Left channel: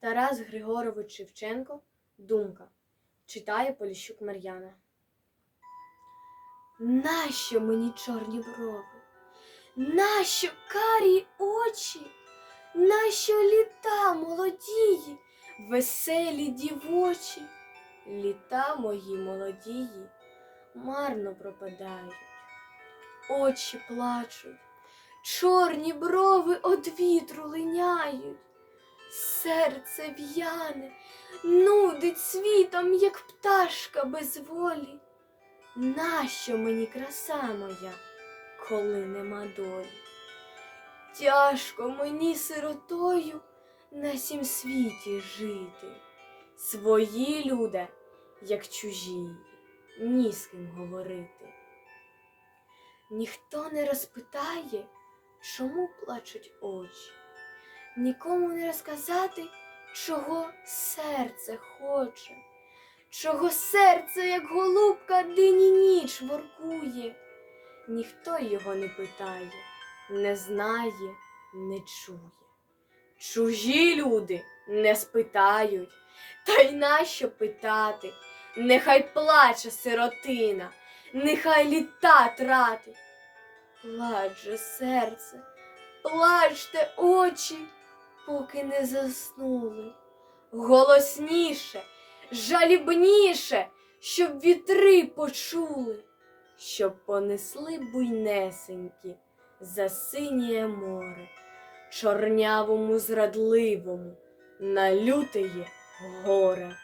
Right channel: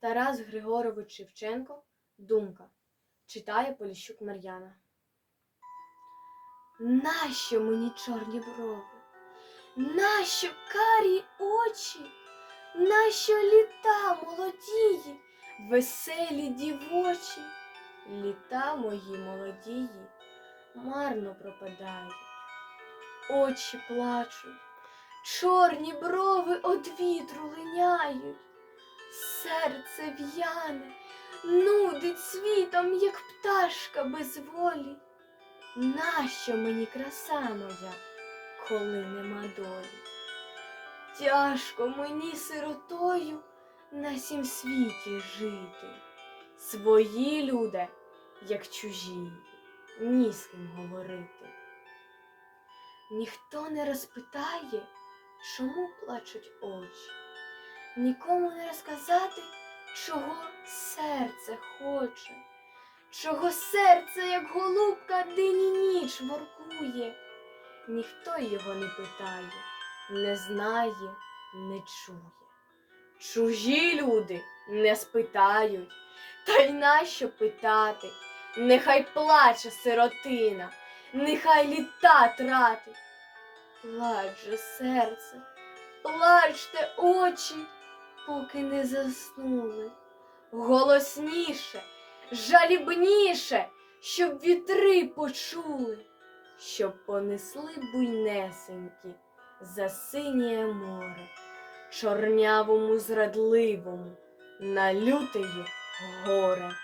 Тарас Григорович Шевченко Думка. Читає Поліщук Мар'яна. Нащо мені чорні брови? Нащо карі очі? Нащо літа молодії, веселі дівочі? Літа мої молодії марно пропадають, очі плачуть, чорні брови од вітру линяють, серце в'яне, нудить світом, як пташка без волі. Нащо мені краса моя, коли нема долі? Тяжко мені сиротою на сім світі жити. Свої люди, як чужі, ні з ким говорити. Ніхто не розпитає, чому плачуть очі, нікому не розказати, чого серце хоче, чого серце, як голубка, день і ніч воркує. Ніхто його не питає, не знає, не чує. Чужі люди не спитають, та й нащо питати? Нехай плаче сиротина, нехай літа тратить. Плач же серце, плачте очі, поки не заснули. Голосніше, жалібніше, щоб вітри почули, щоб понесли буйнесенькі за синє море, чорнявому зрадливому на лютеє горе.